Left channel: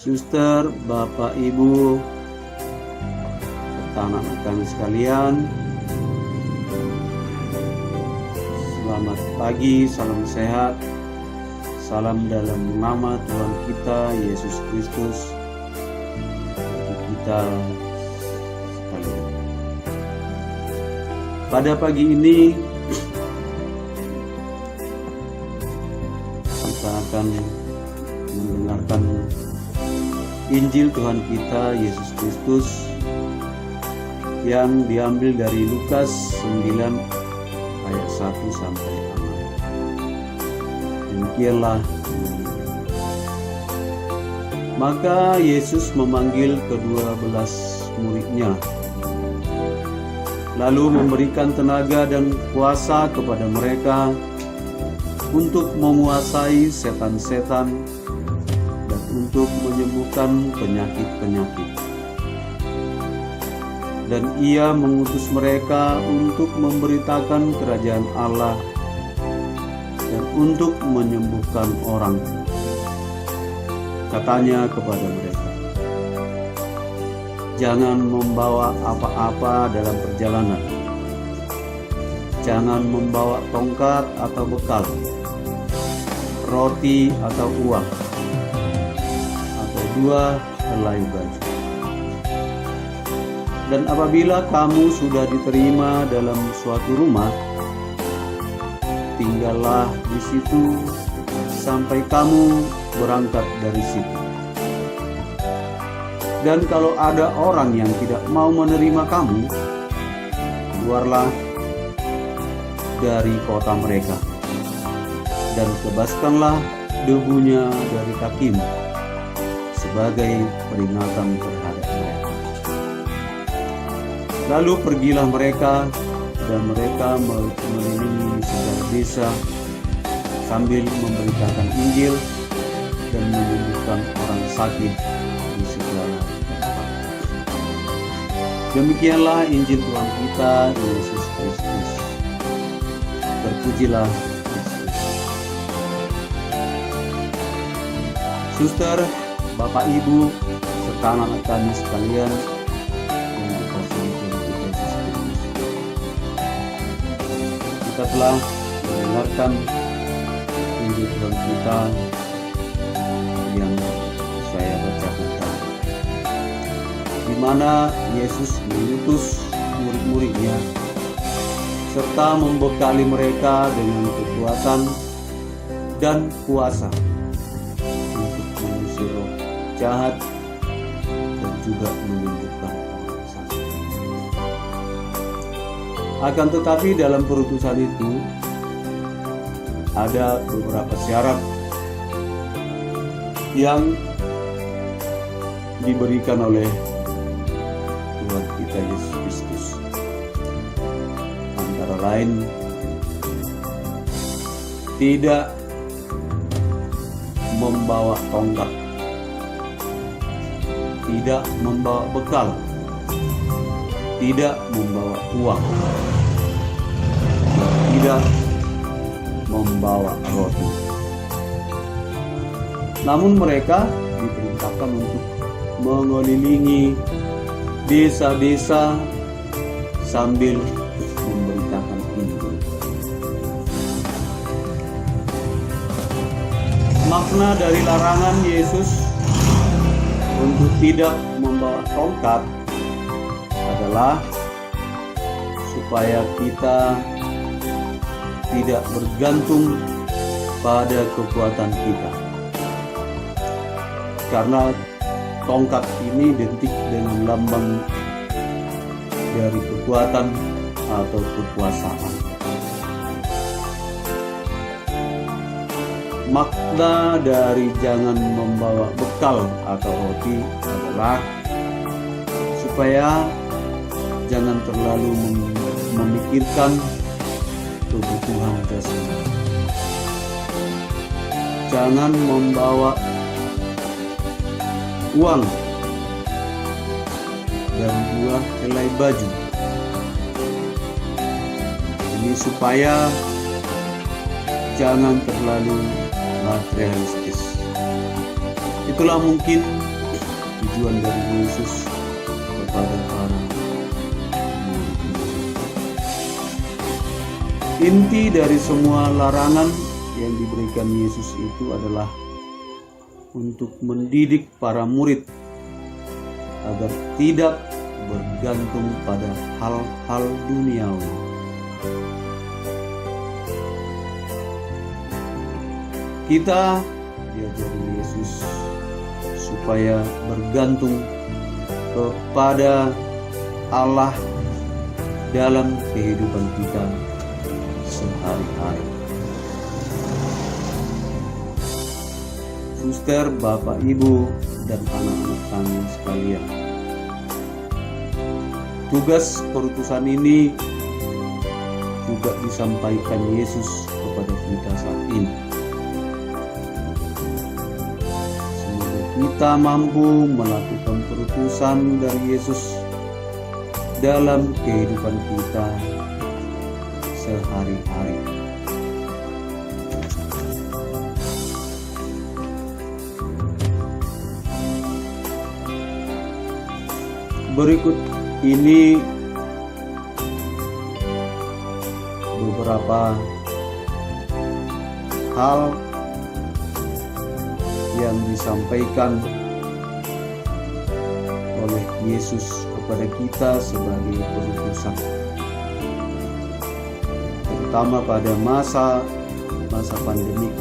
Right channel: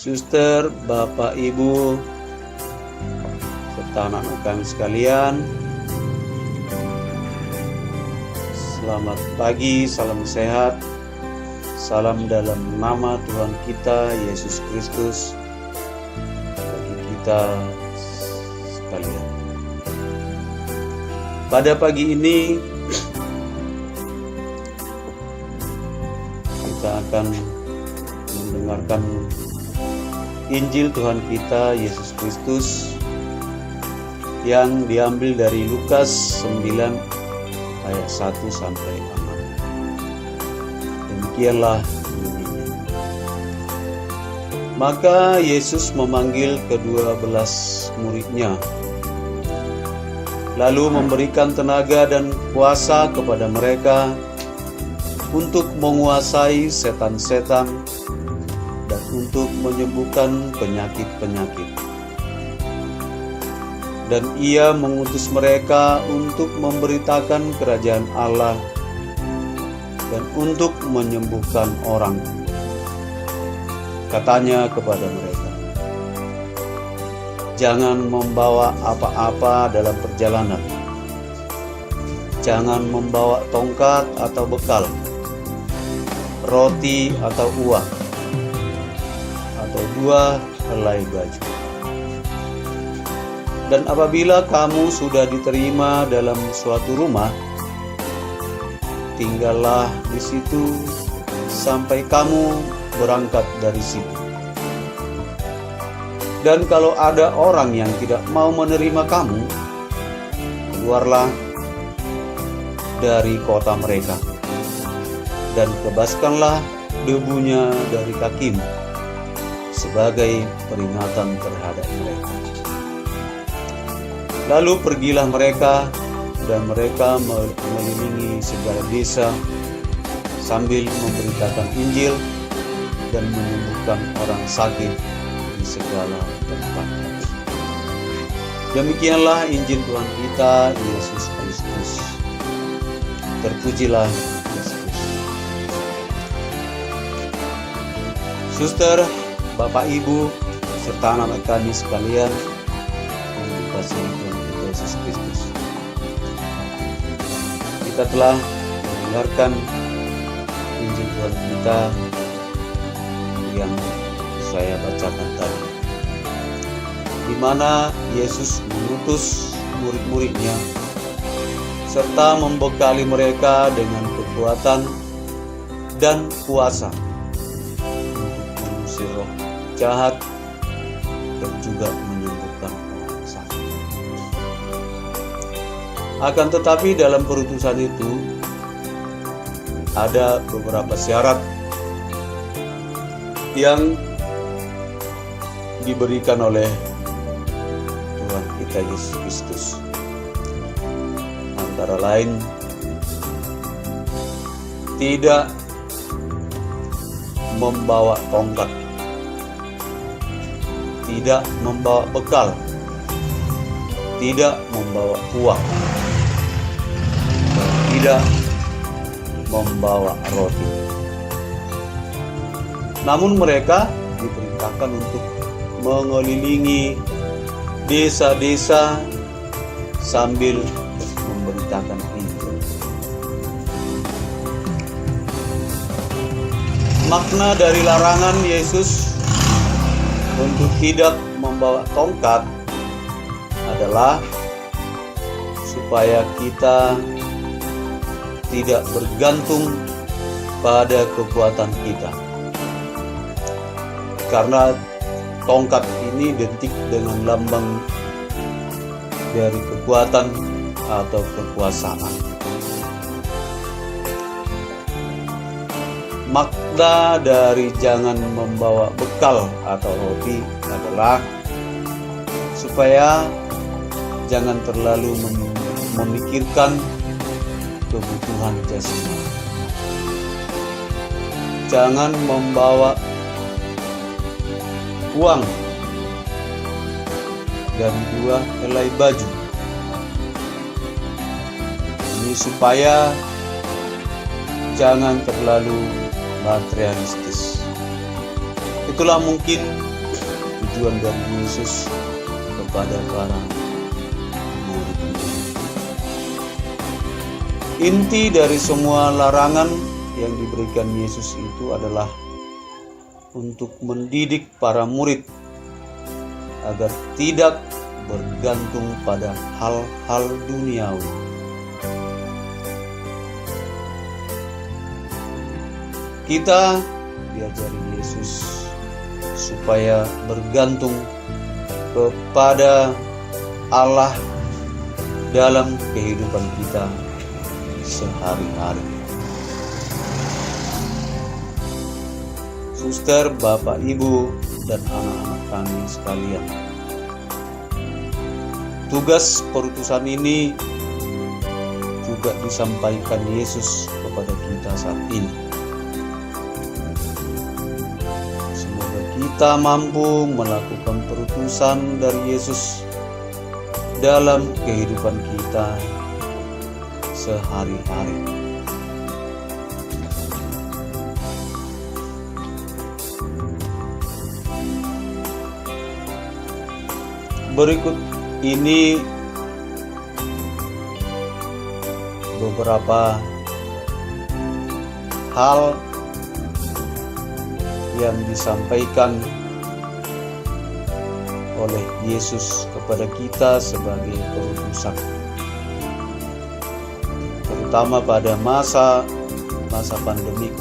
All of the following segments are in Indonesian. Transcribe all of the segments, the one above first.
suster, Bapak, Ibu, serta anak-anak kami sekalian. Selamat pagi, salam sehat, salam dalam nama Tuhan kita Yesus Kristus bagi kita sekalian. Pada pagi ini kita akan mendengarkan Injil Tuhan kita Yesus Kristus yang diambil dari Lukas 9 ayat 1 sampai 6. Demikianlah bunyinya. Maka Yesus memanggil ke-12 muridnya, lalu memberikan tenaga dan kuasa kepada mereka untuk menguasai setan-setan dan untuk menyembuhkan penyakit-penyakit. Dan ia mengutus mereka untuk memberitakan kerajaan Allah dan untuk menyembuhkan orang. Katanya kepada mereka, jangan membawa apa-apa dalam perjalanan. Jangan membawa tongkat atau bekal, roti atau uang, atau 2 helai baju. Dan apabila kamu sudah diterima dalam suatu rumah, tinggallah di situ sampai kamu berangkat dari situ. Dan kalau ada orang yang tidak mau menerima kamu, keluarlah dari kota mereka dan kebaskanlah debunya dari kakimu sebagai peringatan terhadap mereka. Lalu pergilah mereka, dan mereka mengelilingi segala desa sambil memberitakan Injil dan menyembuhkan orang sakit di segala tempat. Demikianlah Injil Tuhan kita Yesus Kristus. Terpujilah Yesus. Suster, Bapak, Ibu, serta anak-anak kami sekalian yang dikasihi Tuhan kita Yesus Kristus. Kita telah mendengarkan Injil Tuhan kita yang saya bacakan tadi, di mana Yesus mengutus murid-muridnya serta membekali mereka dengan kekuatan dan kuasa untuk mengusir roh jahat dan juga menyembuhkan orang sakit. Akan tetapi dalam perutusan itu ada beberapa syarat yang diberikan oleh Tuhan kita Yesus Kristus. Antara lain, tidak membawa tongkat, tidak membawa bekal, tidak membawa uang, tidak membawa roti. Namun mereka diperintahkan untuk mengelilingi desa-desa sambil memberitakan Injil. Makna dari larangan Yesus untuk tidak membawa tongkat adalah supaya kita tidak bergantung pada kekuatan kita. Karena tongkat ini identik dengan lambang dari kekuatan atau kekuasaan. Makna dari jangan membawa bekal atau roti adalah supaya jangan terlalu memikirkan kebutuhan jasmani. Jangan membawa uang dan 2 helai baju. Ini supaya jangan terlalu materialistis. Itulah mungkin tujuan dari Yesus kepada para murid-Nya. Inti dari semua larangan yang diberikan Yesus itu adalah untuk mendidik para murid agar tidak bergantung pada hal-hal duniawi. Kita diajari Yesus supaya bergantung kepada Allah dalam kehidupan kita sehari-hari. Suster, Bapak, Ibu, dan anak-anak kami sekalian, tugas perutusan ini juga disampaikan Yesus kepada kita saat ini. Semoga kita mampu melakukan perutusan dari Yesus dalam kehidupan kita sehari-hari. Berikut ini beberapa hal yang disampaikan oleh Yesus kepada kita sebagai perutusan, terutama pada masa pandemik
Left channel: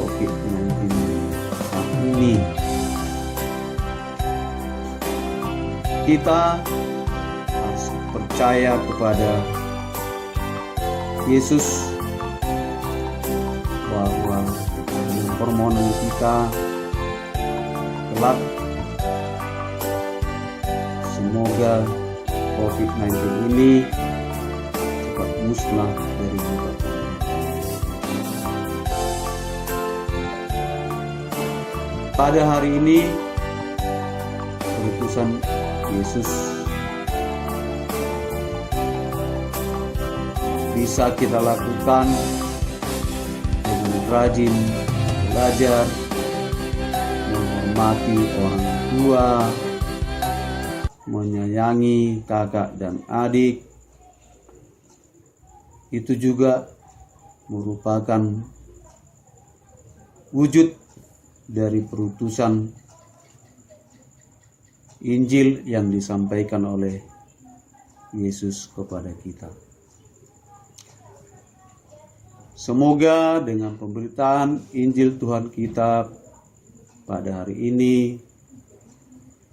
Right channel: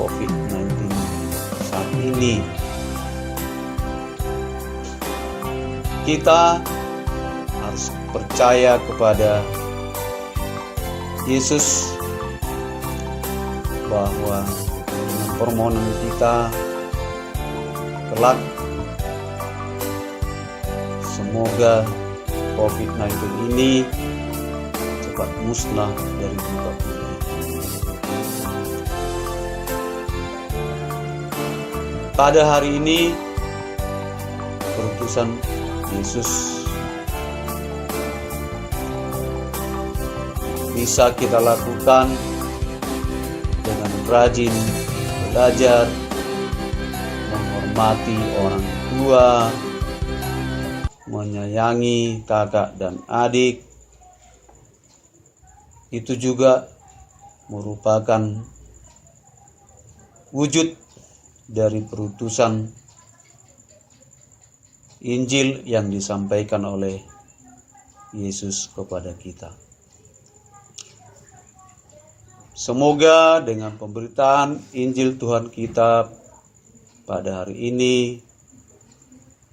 COVID-19 saat ini. Kita harus percaya kepada Yesus bahwa dengan permohonan kita kelak semoga COVID-19 ini cepat musnah dari muka bumi. Pada hari ini perutusan Yesus bisa kita lakukan dengan rajin belajar, menghormati orang tua, menyayangi kakak dan adik. Itu juga merupakan wujud dari perutusan Injil yang disampaikan oleh Yesus kepada kita. Semoga dengan pemberitaan Injil Tuhan kita pada hari ini,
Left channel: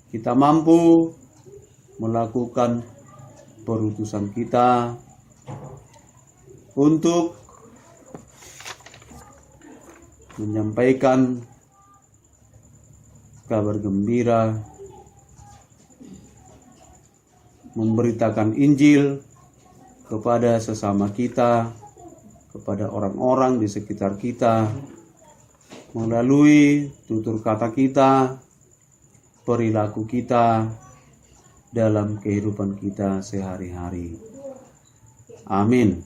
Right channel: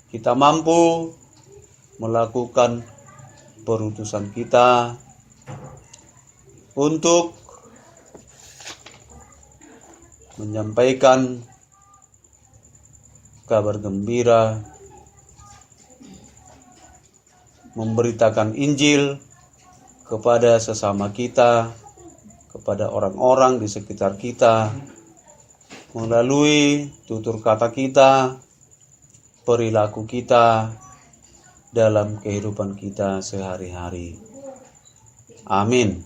kita mampu melakukan perutusan kita untuk menyampaikan kabar gembira, memberitakan Injil kepada sesama kita, kepada orang-orang di sekitar kita, melalui tutur kata kita, perilaku kita, dalam kehidupan kita sehari-hari. Amin.